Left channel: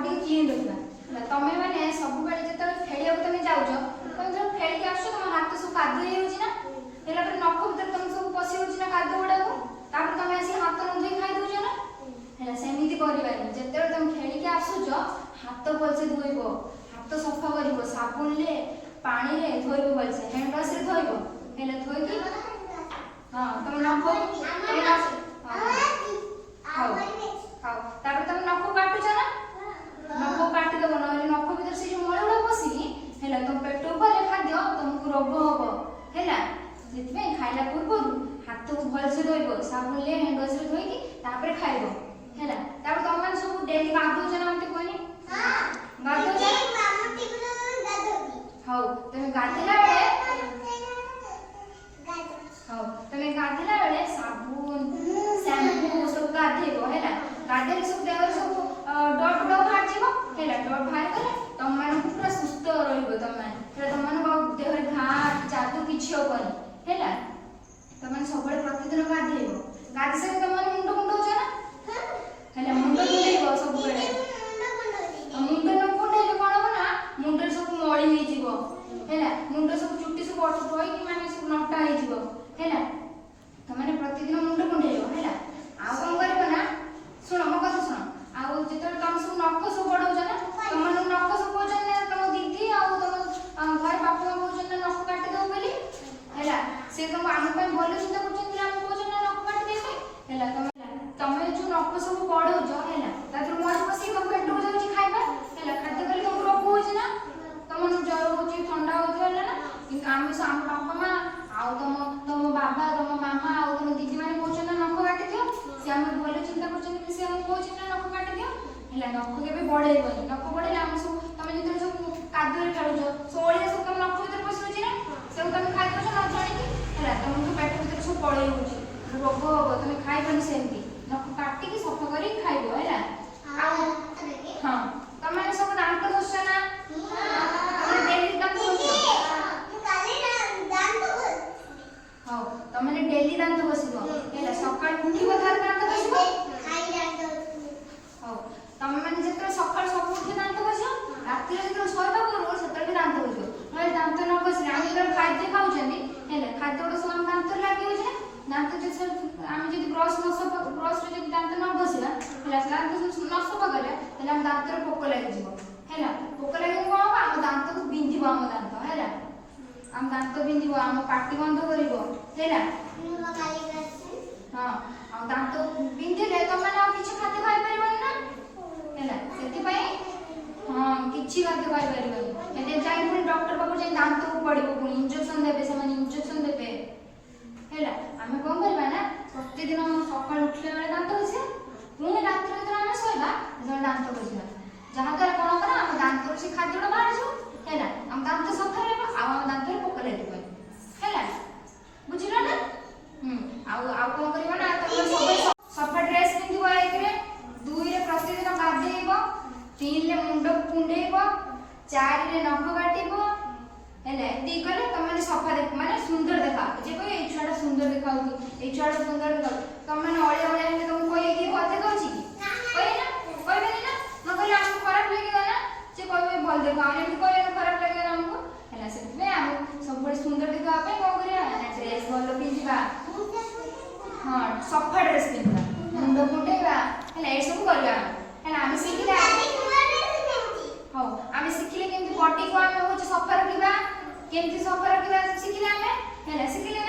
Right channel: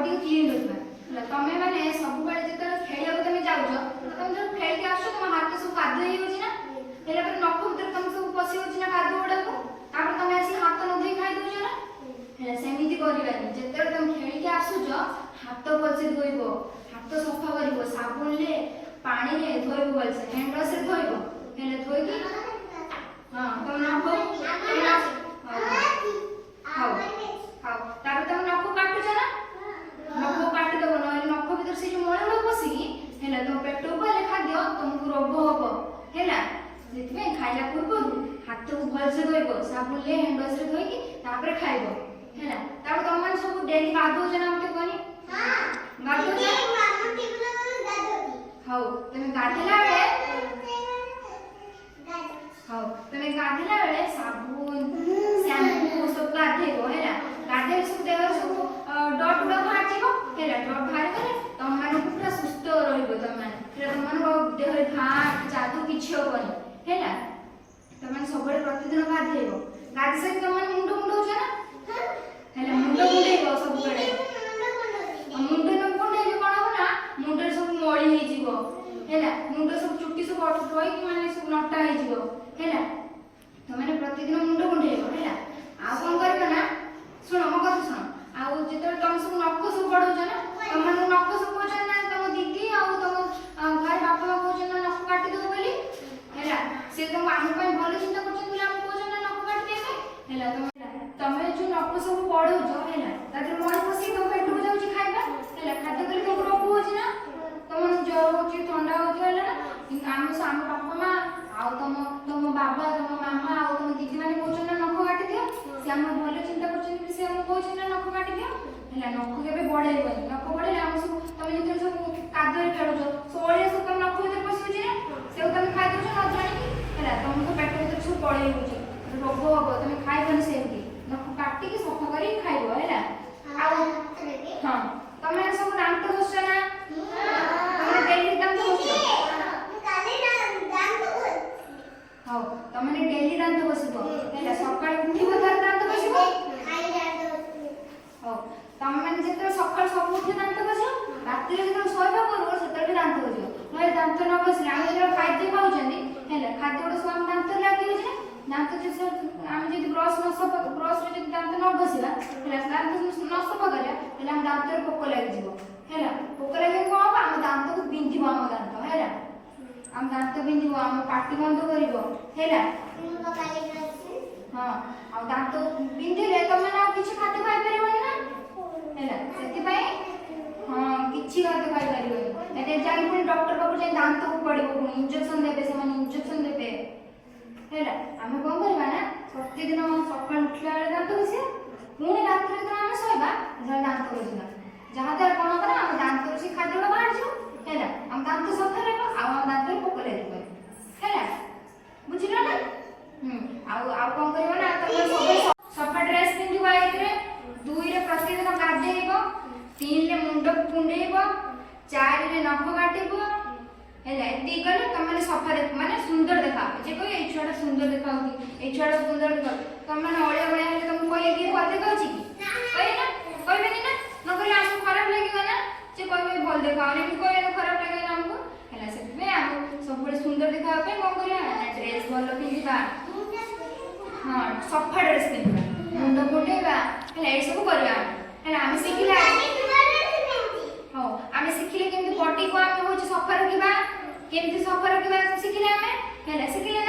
body को clean रखना तमे माने सब बेले जत खेलिया को तमे जाउछ तमे जब खेल के आछो तम हाथ सब कादो हे होछि ना हेला पर नख भीतर तम सब पसी होछि ना कादो गुडा को तापर तमे आसी हाथ न धोई खाइ दोछ ना हेला सेमिति करबानी जते तम खेल के आछुछ हाथ भलसे धोइबो हाथ सफा करिवो साबुन ले पानी रे धोइबो भलसे हैंड वॉश रे धोइबो हेला धोइ की हां तम नख हां हां तापर तम नख काटुछ ना नख काटि देबो नहले नख भीतर से जो मोळे उडा पसिकी हेला तुम पेट ऊपर खाद्य तुमको रोग हबो हेला जेतबे खाइला पूर्व हाथ को भल से धोइबो साबुन ले हैंड वॉश रे धोइकी तापर खाइबो हेला तापर तुम मन सब डेली गाधो जना मते कोनी हां गाधो जना मामा टिकलो गाधोती हां तमे गाधेला बेले हां तमे गाधेला बेले साबुन शैम्पू सब गाधेबो हेला गाधेल सब देवर सब डॉट उडा बाहर जीवो हेला डॉट बाहर गले तुम मन पूरा सुस्त रहिबो तुम मन हेला तुम मन देह रे घा जादू किछि होबनी हेला तुम मन सबले प्रतिदिन गाधेबो गाधे से तुम मन मुंड मुंड होछ ना हेला मुंड मुंडेबो सब बेले मुंड न मुंडेले कोन हो ना मुंड सब मळी हे जीवो हेला मुंड सब चुट्टी सब अठ होई माने सब नटा हे जीवो हेला तुम मन प्रतिदिन मुंड मुंडेबो हेला आ कोन करबो ना सुनो मो कथा सुनो आ जेते तुम सब नख सब पडो ना तुम मन नख सब होछ ना तुम दीदी आ तुम घर बाप मा होछ ना नख काटी दो बोली हेला से तुम आम पे भलो चिंता करछ कि हम होछ ना नख काटी दे हेला तुम जो नख सब पडो जो हेला तातिर मोर पसी तुम पेट हो जाउची खाइबा हेला खाद्य करी तुम रोग होछ ना तुम ज्वर होछ ठंडा होछ हेला ना हम साम बाप मा आ तुम बाबा तुम मामा आ तुम दीदी माने होछ ना नख काटी दियो से हम भलो चिंता करछ कि से हम होछ ना नख काटी दियो हेला नख केबे बढाइबनी नख बढाइले हम सब तुम जते सब कादो रे खेलुछ सोळे सब तुम नख भीतर पसि छी ना से तुम खाइ दछ न जानि हेला तुमको पेट भीतर सब पळै होछ रोग हबो तुम खाइबनी सेमती नख काटी के सफा करी खाइबो हेला हां तुम सब दांत घोष ना तुम डेली दांत घोष काली दांत घोष हां तुम डेली दांत घोषबो हेला सकाळ उठिबो थार दांत घोषबो खाइ दांत हां तुम माने जेते सकाळ सब उठी दांत घोष राती रे जेते सोइबा करू सेते भी दांत घोष नय दांत न घोषले हम जेते खाद्य खाउछनी हेला खाद्य ओड सब दांत लागि होछ दांत जे हम जदि ब्रश न सब ब्रश रे जदि दांत न घोषिला हेला दांत न सब गले हेला हम दांत रे पोक लागि जीवो हेला पोक लागि कोन हम दांत को बिंधिबो हम दांत हेला हम दांत बिंधिबो हम पाटी बंद करिवो हेला हां हम दांत बिंधिले तुम ना किछ खाद्य खाइ परिबन ना हेला सेति पई हां किछि खाद्य खाइ परिबन एते जाई पुनी डॉक्टर बाबू जे दांत को पडिबो पुनी इंजेक्शन देबे से माने इंजेक्शन देबे हेला हमें कोन करबा ना प्रतिदिन हम सकाळ उठला बेले दांत घोषे पुनी रात रे हम सोइबा जण दांत घोषिबा जहा द्वारा कोन करा हम दांत घोषि खाद्य बाहर जो हेला हम दांत सफा रहबा आ हम दांत रे पोक लागि हेला बुझिलो ना आ कोन करबा ना तुम सफा ड्रेस पिंधिबो एकरे दुई रे प्रतिदिन गाधेइबो तीन ले मुंड कुंडेइबो चार रे नख काटिबो हेला एती गले तुम माने सफा देख माने सुंदर देखा जे कोई ए छुआटा सुंदर देखाउ कि ए छुआटा सुंदर देखाउ तुम माने ओळे ओळे हेले तुम कोई की बोलते कहउची कि कहे ना कहबेनी ना न कहले हमको खराब लागेगा ना जे कहबे भल देखाउ ने कोई न खराब लागेगा हमको हेला से हम सब बड़े सुंदर देखाउ पे को करिया ना ड्रेस भलो पिंधिबा हां सफा ड्रेस पिंधिबा मुंड कुंडेबा हेला ए सब करिया हेला हम सिखिला हां हम सिखिले केमती बॉडी को हम होछ सफा रखिबा केमती सफा रखिबा सिखिले हमें हेला सिखिले